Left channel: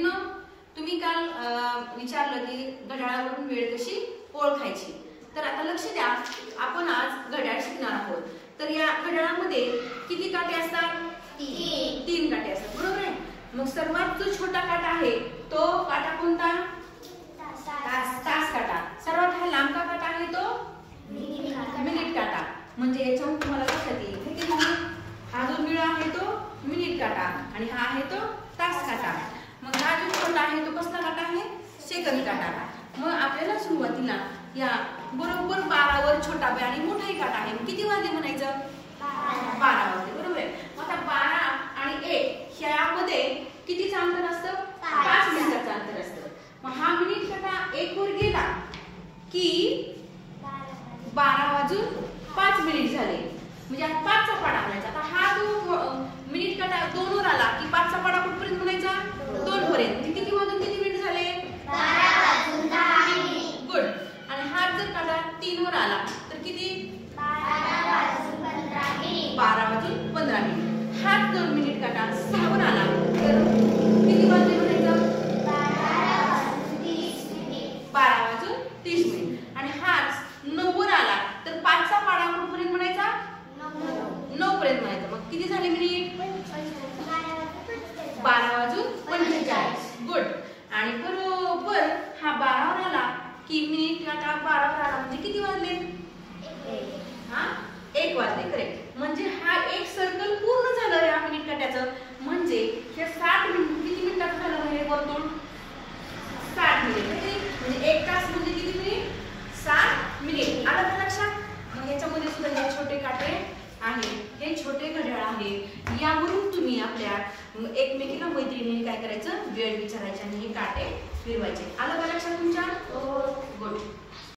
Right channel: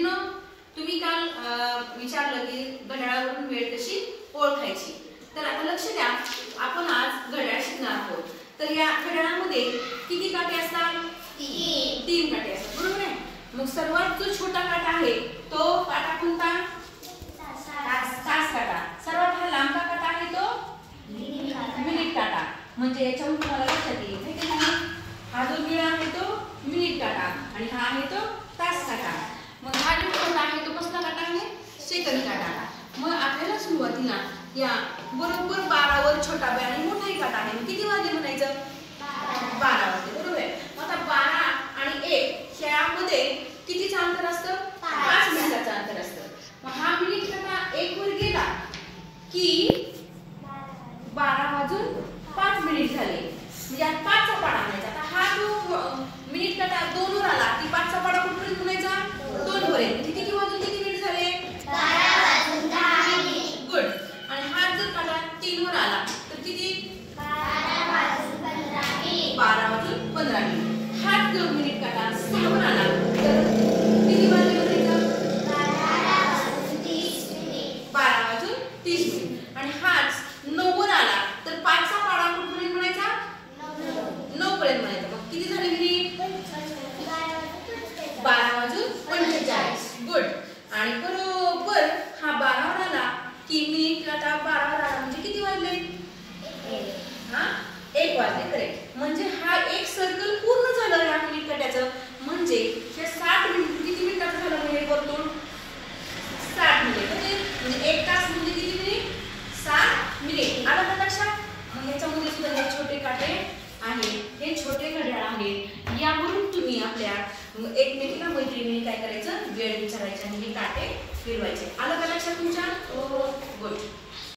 मुलींनो, तुम्ही काल विचारलं की घड्याळावरून वेळ कशी ओळखायची. तर आता लक्ष द्या, आपण आज घड्याळ शिकणार आहोत. तर या घड्याळामध्ये किती काटे असतात? 3 काटे असतात, बरोबर आहे. मग सर्वात जो छोटा काटा आहे तो काटा कोणता? तास काटा. सर्वात हा लांब काटा आहे तो मिनिट काटा. म्हणजे याच्यावरून तुम्हाला लक्षात येईल हा जो विळा आहे तो मिनिट काटा आणि हा आहे तो तास काटा. मग हा जो छोटा आहे तो कसला काटा आहे? सेकंद काटा. मग आपल्याला सुरुवातीला या बरोबर 12 वर छोटा बे आणि मोठाही काटा आहे. मग किती वाजले म्हणायचं? 12 वाजले, बरोबर आहे. आता 12 आणि 1 यामध्ये कितीचं अंतर असतं? 5 मिनिटाचं अंतर असतं. मग हा मिनिट काटा 1 वर गेला की 12 वाजून 5 मिनिट झाले. म्हणजे 5 चा पाडा म्हणायचा. आता हा जो मिनिट काटा 2 वर आला की 5 चा पाडा कुठपर्यंत म्हणायचा? 2 पर्यंत. किती वाजून किती मिनिट झाले? 12 वाजून 10 मिनिट. गुड. आणि हा जर काटा 3 वर आला तर किती? 12 वाजून 15 मिनिट. 12 वाजून 15 मिनिट. हा जर मिनिट काटा 6 वर आला तर किती वाजले म्हणायचं? 12 वाजून 30 मिनिट. 12 वाजून 30 मिनिट. आणि हाच 9 वर आला तर 5 चा पाडा कुठपर्यंत म्हणायचा? 9 पर्यंत म्हणायचा. मग किती झाले मिनिट? 12 वाजून 45. गुड. आणि बरोबर हा 12 वर आला की मिनिट काटा 12 वर आला म्हणजे किती वाजले? 1 वाजले. करेक्ट. म्हणजे हा एक सर्कल पूर्ण झालं या मिनिट काट्याचं. म्हणजे हे 60 मिनिट किती मिनिटाचं झालं म्हणजे वर्तुळ? 60 मिनिट. म्हणजे 1 तास म्हणजे किती मिनिट? 60 मिनिट. आलं का लक्षात? मग याच्यामध्ये सुद्धा हे छोटे काटे आहेत, हे छोटे घड्याळ आहेत. यावरून तुम्ही आपल्या एकमेकीला मैत्रिणीने काय करायचं? वेळ विचारायची आणि हे काटे फिरवायचे. आलं का लक्षात तुमच्या?